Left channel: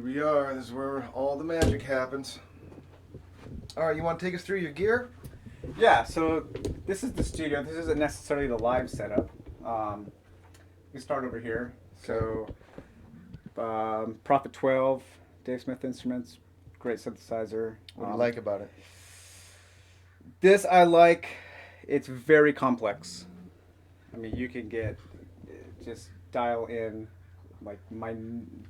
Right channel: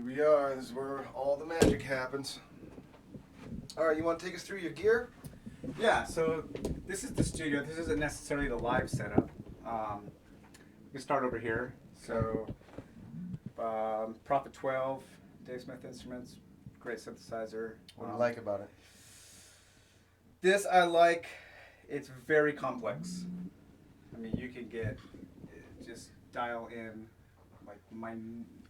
Here we are. This is where all the magic happens. All right, you want to take us through your gear? Yeah, so this is the studio. This isn't necessarily the live setup. We can start over here. So, Prophet 12, Dave Smith Instruments, great synthesizer. What do you like about it? This I like. It's very complex. I mean, you can just dial in,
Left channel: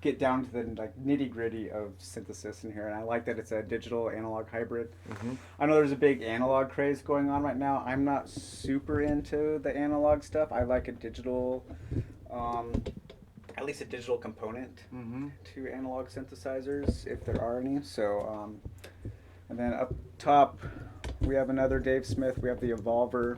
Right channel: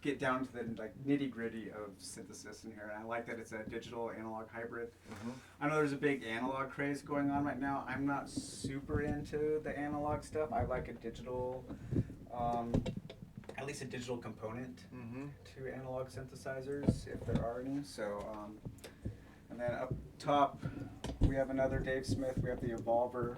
get down to the nitty gritty of synthesis in here, and I like that it's a digital analog hybrid. Mm-hmm. I know there's a big analog craze going on right now. I'm not super into the analog stuff. I like a digital, at least a digital component to analog synthesizers, if there are any. So, and then up top, we have another Dave Smith. We have the Evolver.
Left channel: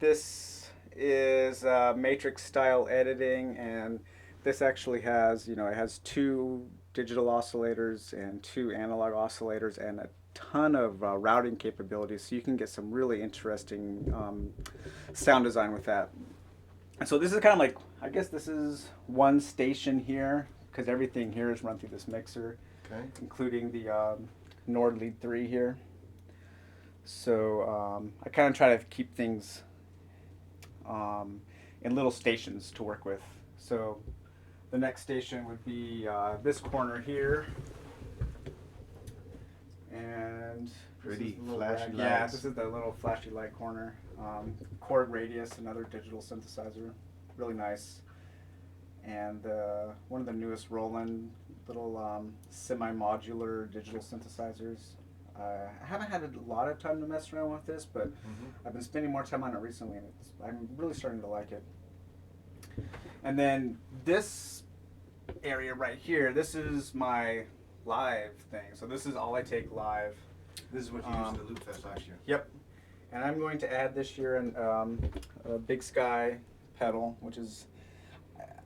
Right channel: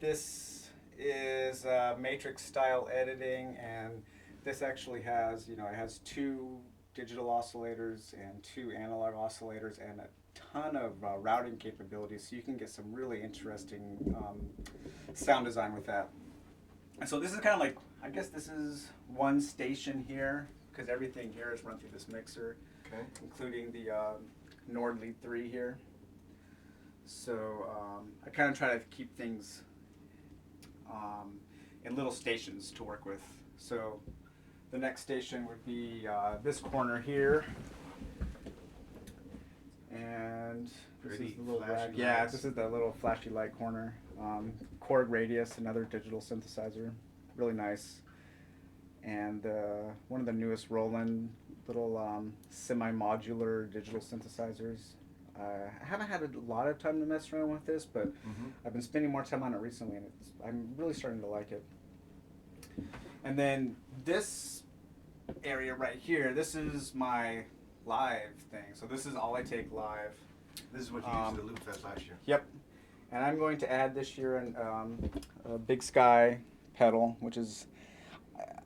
This is matrix style editing, and this actually has, it has 2 digital oscillators and 2 analog oscillators and a ton of routing capabilities, so you can get some really interesting sound design with that. And so this is kind of like, I guess this is one station here, because everything here is run through this mixer, including the Nord Lead 3 here. So I kind of try to keep things in little stations to work with. So the next station would be this corner here, and this is the little this is the little flashy light corner. Korg Radius, another digital synthesizer, really nice, and one of the newest Roland little semi-modular digital synthesizers. I haven't had a lot of time to mess around with this, but I've been spending more time on it recently, and I'm really starting to like it. And then this area right here, this is my live thing. So this is all I take live. This is what you used at the Loop Fest last year. Yep. And I'm going to add this year a Big Sky pedal, which is,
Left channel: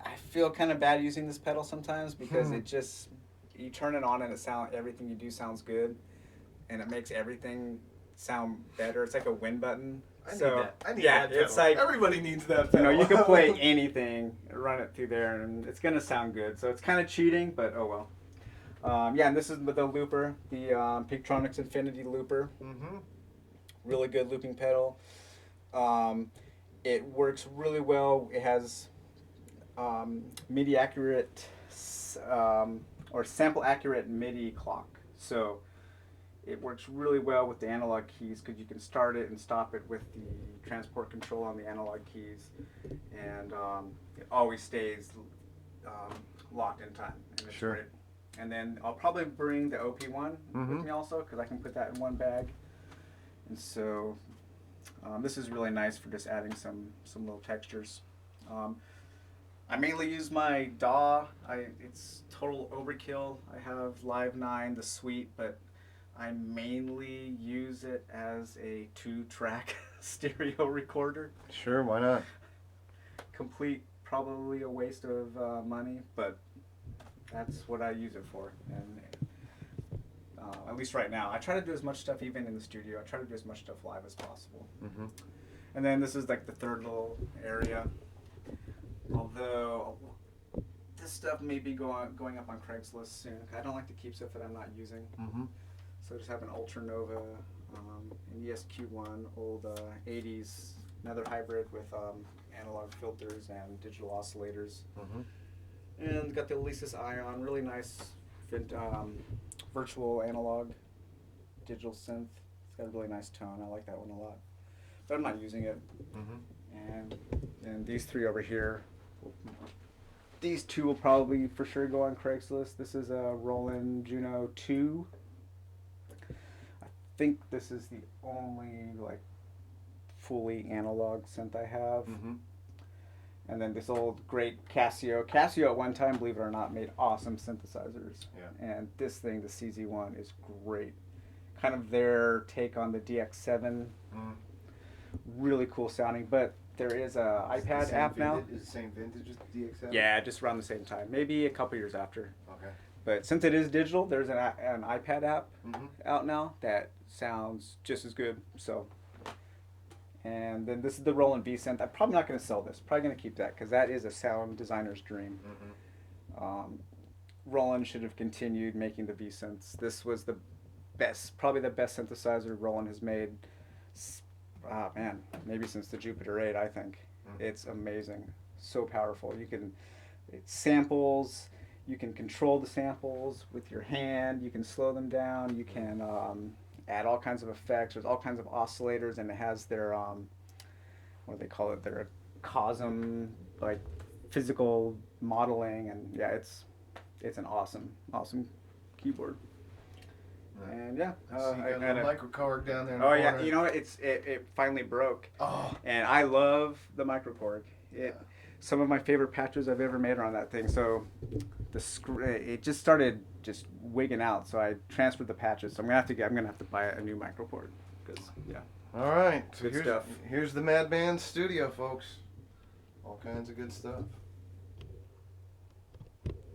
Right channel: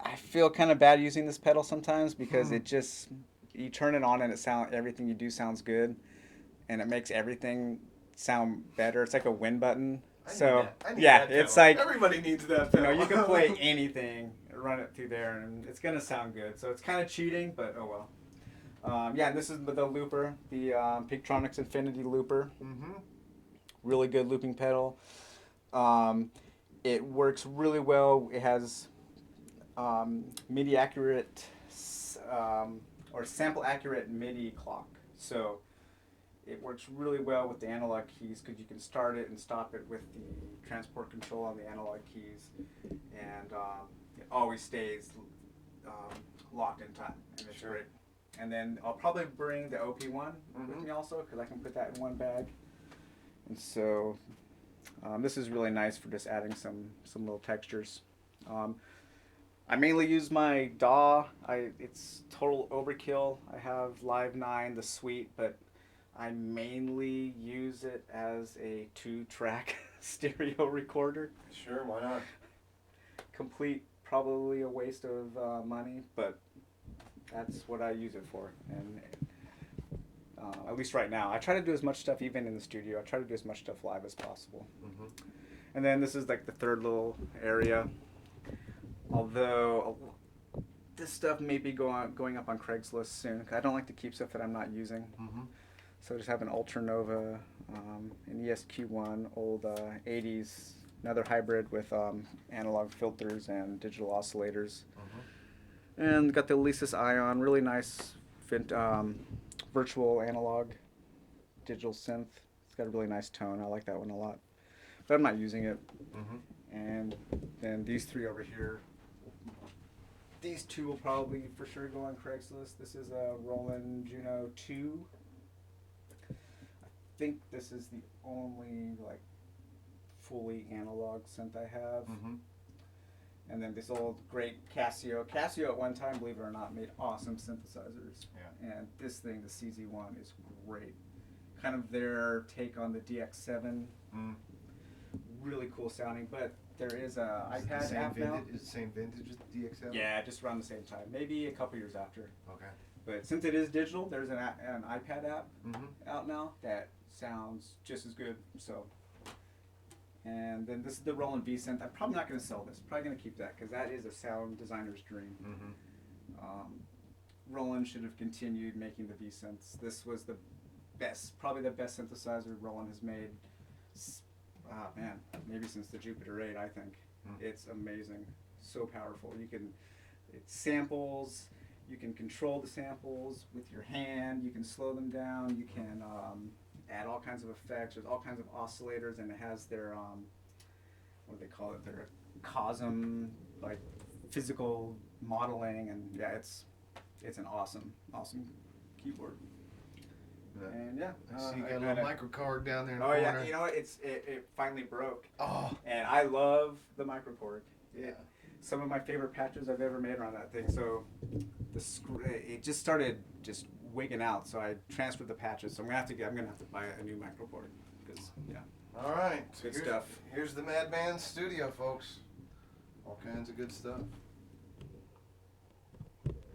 I feel kind of bad using this pedal sometimes because it just, you turn it on and everything you do sounds good. And it makes everything sound better. It's like a win button. I need that it's pedal. like Everybody needs that pedal. you can play anything, run it through there, and it's gonna sound good. So it's kind of cheating, but oh well. And this is the looper, the Peaktronics Infinity Looper. Really good looping pedal. It works really well. It has MIDI accurate or sample accurate MIDI clock. So it works really well with the analog keys because you can start it and stop it with the transport control on the analog keys, and it always stays locked in time, and it's great. And then I'll probably bring the OP1 with me also because I can put that in one bag. And so this is really nice for just adding some little textures. I mainly use my DAW. It's total overkill. I have Live 9, the suite, but I mainly use it as a 2-track stereo recorder. Sure, why not? Complete, probably a waste of money, but that's what I use it for. And at least right now, I try to do as much stuff even in the studio. I try to do as much stuff live as possible. And then this is like the third little area. Although this stuff may be going up on Craigslist soon. I don't like to keep stuff that I'm not using. So I just have an Ultranova, an ESQ1, old 80s, another hybrid with analog filters and digital oscillators. And got the Alesis Ion, really nice virtual analog digital synth. It's got a really nice tone. I like that one a lot. But I'm not using it. And then these 3 over here. These 2 will probably for sure go on Craigslist. This is a Roland Juno 2. I think this is the only fully analog synth I have. And then this old great Casio. Casio at one time, believe it or not, made awesome synthesizers. And this thing, the CZ1, is great. Kind of their take on the DX7. Really cool sounding, but there is a iPad app now. Is it the same vintage as the DX7? Yeah, just around the same time. Maybe a couple years after. Okay. But since it is digital, there's an iPad app out now that sounds just as good. So, and then this is the Roland V synth. I'm probably not going to sell this. Probably going to keep that because that is a sound designer's dream. Roland should have continued making the V-Synths. This was the best, probably the best synthesizer Roland has made. Man, maybe since the Jupiter 8, I think. It's amazing. So powerful. It's samples, you can control the samples with your hand, you can slow them down, you can add all kinds of effects. There's all kinds of oscillators, and it has their, what do they call it, their COSM, like physical modeling, and yeah, it's an awesome keyboard. And yeah, I see you got a little microKORG down there in the oh corner. yeah, you know it finally broke. Oh, And I love the microKORG. yeah. Some of my favorite patches I've ever made are on that thing. So it just started just wigging out. So I transferred the patches. So I'm gonna have to buy a new microKORG because yeah. All right. Good stuff. Here's the Mad Band studio, folks. All kinds of good stuff.